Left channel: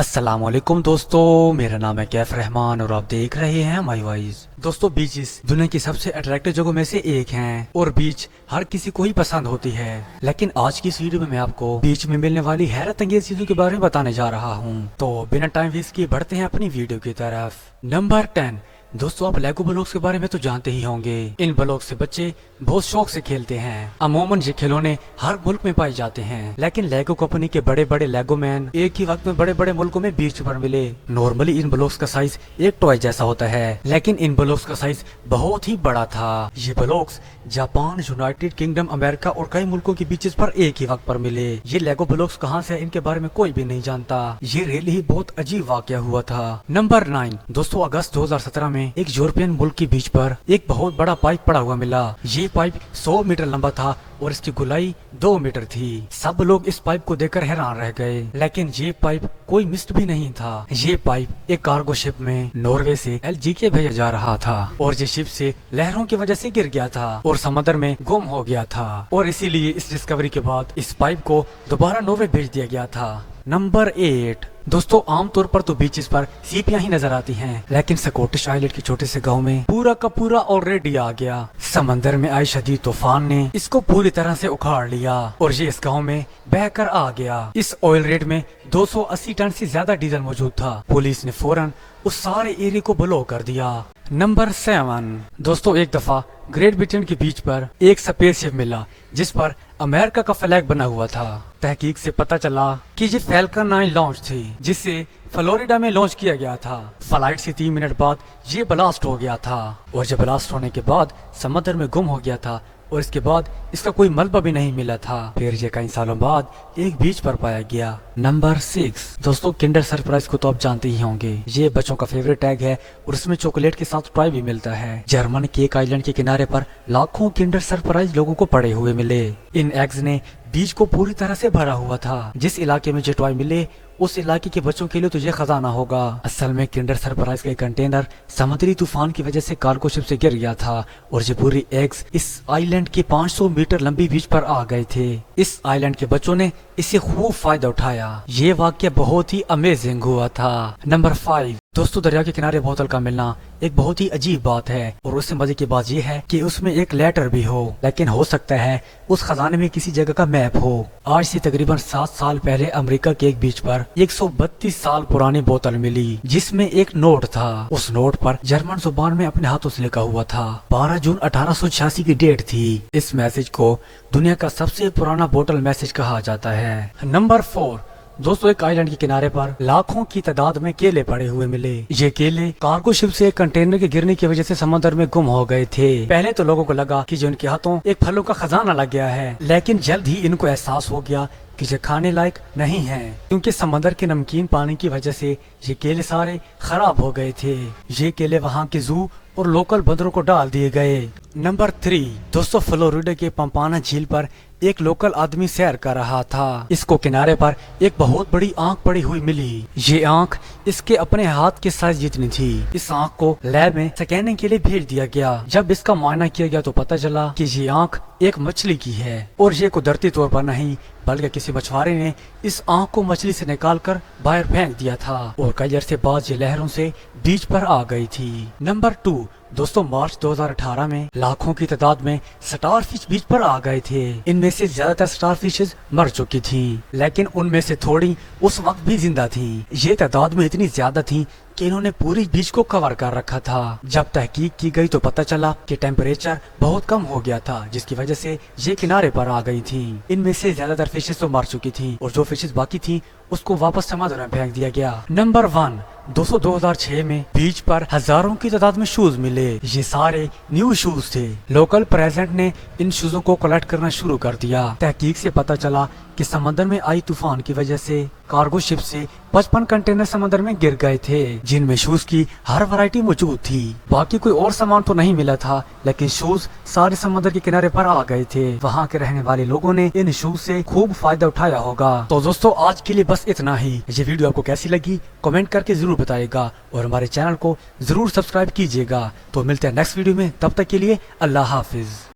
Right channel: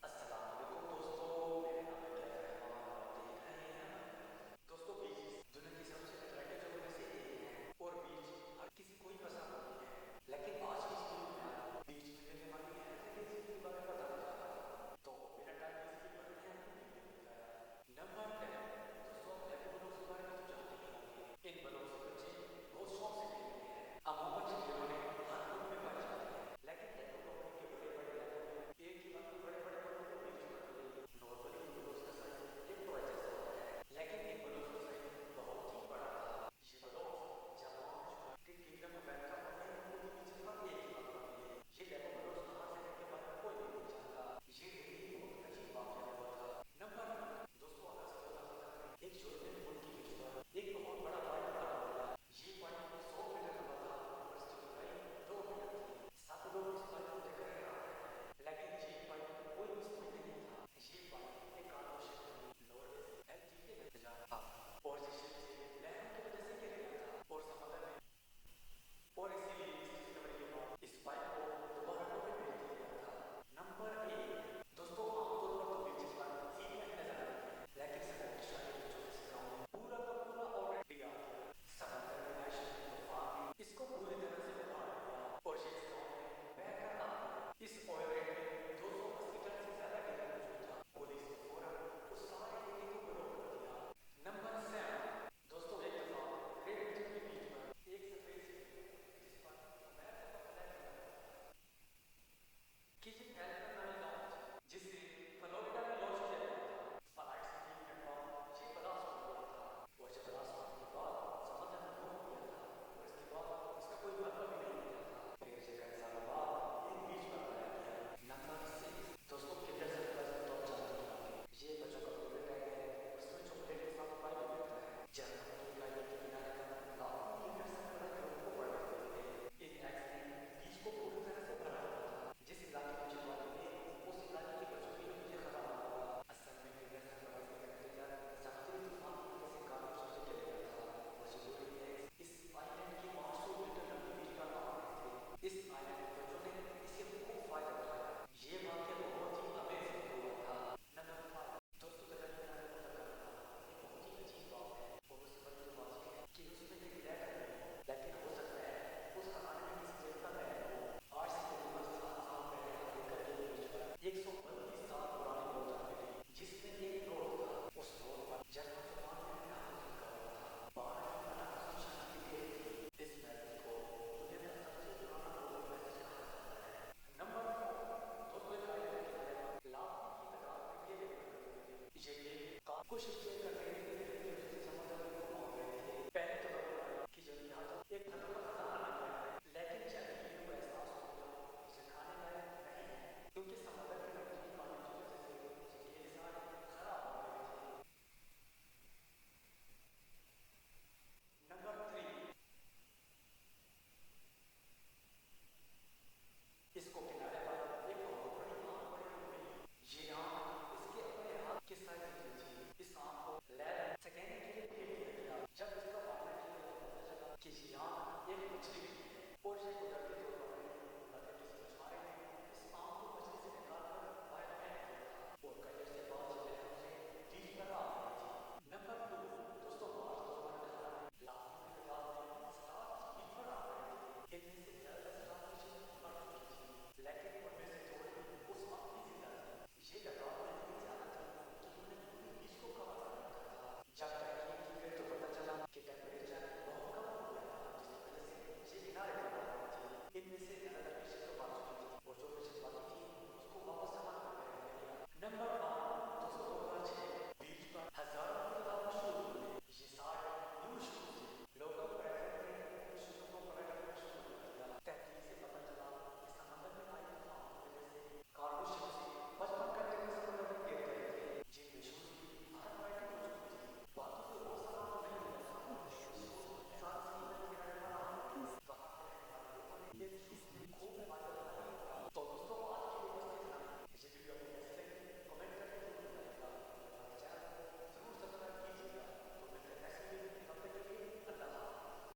السلام علیکم دوستو، میرا نام ہے کیف رحمان اور آپ دیکھ رہے ہیں مائی وائز۔ دوستو بیچز دنیا کی سب سے اٹریکٹیو جگہوں میں سے ایک ہیں اور بیچ ہر کسی کو ہی پسند ہوتی ہے، لیکن آج کی اس ویڈیو میں آپ کو بیچ میں ملنے والی حیرت انگیز چیزوں کے بارے میں بتانے جا رہا ہوں۔ تو بنا ٹائم ویسٹ کیے بڑھتے ہیں اپنی ویڈیو کی طرف۔ نمبر 10، دوستو آپ لیگو بلاکس کے بارے میں تو جانتے ہی ہوں گے۔ ان بلاکس سے بچے بہت شوق سے کھیلتے ہیں۔ عموماً یہ کھلونے ہر ملک میں پائے جاتے ہیں، لیکن لیگو کمپنی کے بڑے بڑے لیگو مین ایک ہی وقت میں بڑے بڑے ملکوں میں بیچ پر ملے۔ نارملی ان بلاکس کا سائز ایک ٹوائے جیسا ہوتا ہے، لیکن ان بلاکس کا سائز بہت ہی بڑا تھا۔ یہ بلاکس جاپان، یونائٹڈ کنگڈم، امریکہ اور کئی ملکوں کے بیچز پر ایک ہی وقت پر ملے۔ یہ لیگو بلاکس کہاں سے ان کے بارے میں کوئی بھی نہیں جانتا۔ یہ ریلی ہی بہت عجیب واقعہ ہوا تھا۔ نمبر 9، دوستو اگست 2017 میں ایک یورپین ملک کی بیچ پر ایک بہت بڑا پائپ پڑا ہوا ملا۔ یہ پائپ 100 میٹر لمبا تھا اور اس کی گہرائی 2 میٹر تھی۔ سب لوگ اس پائپ کو دیکھ کر حیران رہ گئے، لیکن یہ پائپ کوئی مسٹ بھی نہیں تھا۔ یہ پائپ ایک کارگو شپ میں ناروے سے LGK بھیجا جا رہا تھا اور یہ شپ سے لہروں کی وجہ سے گر گیا تھا اور سمندر میں گم ہو گیا تھا، اور اسی لیے اس ڈسکوری کے بعد اس پائپ کو دوبارہ ناروے بھیج دیا گیا تھا۔ نمبر 8، دوستو عام طور پر تو بیچز پر سیپیاں ہی نظر آتی ہیں، لیکن سکوٹش آئلینڈ کے چھوٹے سے گاؤں میں پورا کا پورا آلریڈی آ گیا۔ سمندر میں آئے شدید طوفان نے اس کو پوری طرح سے اکھاڑ لیا اور یہ اس گاؤں میں بہہ کر آ گیا۔ اس آئل ریڈ میں 280 ٹن سے زیادہ ڈیزل موجود تھا۔ پولیس نے فوراً اس سارے ایریا کو بلو کر دیا۔ نمبر 7، دوستو ایک دفعہ گریٹ برٹن کے بیچ پر ایک سپیس شپ ملا جس پر امریکہ کا فلیگ بنا ہوا تھا۔ تحقیق سے پتا چلا کہ یہ فیلکن 9 لانچ تھی جس سے فلوریڈا میں لانچ کیا گیا تھا۔ فلائٹ سے 3 منٹ بعد یہ بلاسٹ ہو گیا تھا اور یہ بلاسٹ ہونے کے بعد سمندر میں گم ہو گیا تھا اور اس کے بعد اس کا کوئی ملبہ بھی نہیں ملا تھا۔ پھر یہ کئی سالوں بعد ایک بیچ پر پایا گیا۔ نمبر 6، دوستو کنڈر سرپرائز کو تو آپ جانتے ہی ہوں گے۔ یہ بچوں کا فیوریٹ ٹیگ ہے اور اس میں چاکلیٹ کے ساتھ ٹوائے بھی ملتا ہے۔ جرمن کیک آئلینڈ کے کنارے پر لاکھوں کنڈر سرپرائز لوگوں کو پڑے ہوئے ملے۔ ان ایگز نے بیچ کو پوری طرح سے بھرا ہوا تھا۔ جس علاقے میں یہ ٹوائے ملے اس علاقے کے بچوں کے لیے تو یہ خزانہ ہوگا۔ اصل میں کنڈر سرپرائز کا کنٹینر سمندری طوفان کی وجہ سے کارگو شپ سے گر گیا تھا اور یہ پوری ایگز اس آئی لینڈ کے 500 میٹر لمبی بیچ پر آ گئے تھے۔ اس آئی لینڈ کے بچوں نے اسے خوب فائدہ اٹھایا۔ یہ واقعہ بہت ہی امیزنگ ہوا تھا۔ نمبر 5، دوستو دریا کے کنارے بوتل کا ملنا ایک بہت ہی عجیب بات ہے اور اس سے مزے کی بات یہ ہے کہ اس میں ایک لیٹر بھی ہو، لیکن ہو سکتا ہے اس خزانے میں کسی جگہ کا میپ ہو۔ آج سے تقریباً 7 سال پہلے امریکہ کے ایک بیچ پر 132 سال پرانی بوتل ملی جس میں ایک نوٹ تھا۔ اس نوٹ پر جرمن زبان میں اپنے ہاتھوں سے لکھا ہوا تھا۔ 12 جون 1886 کی ڈیٹ تھی۔ اس میسج کو دنیا کا سب سے پرانا بوتل میسج کہا جاتا ہے۔ نمبر 4، دوستو ایک آئی لینڈ کے کنارے پر لاکھوں کی تعداد میں کیلے پڑے ہوئے ملے۔ یہ کیلے کارگو شپ سے ایک کنٹینر کے گرنے کی وجہ سے سمندر میں گم ہو گئے تھے۔ پہلے تو لوگوں کو لگا کہ جو ان کے ہاتھوں ایک پھلوں کا خزانہ لگ گیا ہے، لیکن جلد ہی ان کو احساس ہو گیا کہ یہ کھانے لائق نہیں ہیں، کیونکہ سمندر کے نمکین پانی کی وجہ سے یہ کیلے سارے خراب ہو گئے تھے۔ یہ کیلے وہاں کے زو اور لوکل بندروں کو ڈال دیے گئے۔ نمبر 3، دوستو فلوریڈا کے پمپانا جھیل پر ایک لوکل آدمی سیر کر رہا تھا۔ اس کو کنارے پر ایک بہت بڑی آنکھ پڑی ہوئی ملی۔ یہ آنکھ اس کے اپنے ہاتھ کے سائز جتنی تھی۔ اس آنکھ کو لیب میں سکیننگ کے لیے بھیج دیا گیا۔ جب اس کا معائنہ کیا گیا تو پتہ چلا کہ یہ آنکھ ایک مچھلی کی ہے اور یہ قدرتی طور پر نہیں بلکہ کسی مچھوارے نے اس آنکھ کو مچھلی سے نکال کر باہر پھینک دیا تھا اور کئی عرصے بعد یہ لہروں سے بیچ پر آ گئی تھی۔ نمبر 2، دوستو مارچ 2018 میں لاکھوں کی تعداد میں سٹار فش بیچ پر آ گئے تھے۔ ان میں سے زیادہ تر سٹار فشز مر چکی تھیں، لیکن ان میں سے تھوڑی اس وقت بھی زندہ تھیں۔ یہ تعداد میں اتنی زیادہ تھی کہ انہوں نے پوری بیچ کو کور کر رکھا تھا۔ جب تحقیق کی گئی تو پتہ چلا کہ ٹیمپریچر بہت کم ہو گیا تھا جس کی وجہ سے یہ کنارے پر آ گئی تھی۔ ان میں سے زیادہ تر فشز تو مر چکی تھیں اور جو فشز باقی تھیں اس کو واپس سمندر میں پھینک دیا گیا۔ نمبر 1، دوستو 2006 میں بیچ پر ہزاروں کی تعداد میں شوز ملے۔ یہ سارے نیو شوز تھے۔ لوکل پریزیڈنٹ نے ان شوزوں کو کلیکٹ کرنا شروع کر دیا۔ تحقیق سے پتہ چلا کہ سمندر میں آئی طوفان کی وجہ سے کارگو شپ سے 55 کنٹینر سمندر میں گر گئے تھے جن میں شوز کی ہر ورائٹی موجود تھی۔ باقی کوئی اور سامان تو نہیں ملا تھا، لیکن شوز سارے سمندر کے کنارے پر آ گئے تھے۔ وہاں کے رہنے والے لوگوں نے ان شوز سے خوب فائدہ اٹھایا ہوگا۔ تو دوستو آج کے لیے بس اتنا ہی۔ یہ ویڈیو آپ کو کیسی لگی کمنٹ کر کے ضرور بتائے گا اور ہمارے چینل کو ضرور سبسکرائب کیجیے گا۔ تو ملتے ہیں نیکسٹ ویڈیو میں، تب تک کے لیے اللہ حافظ۔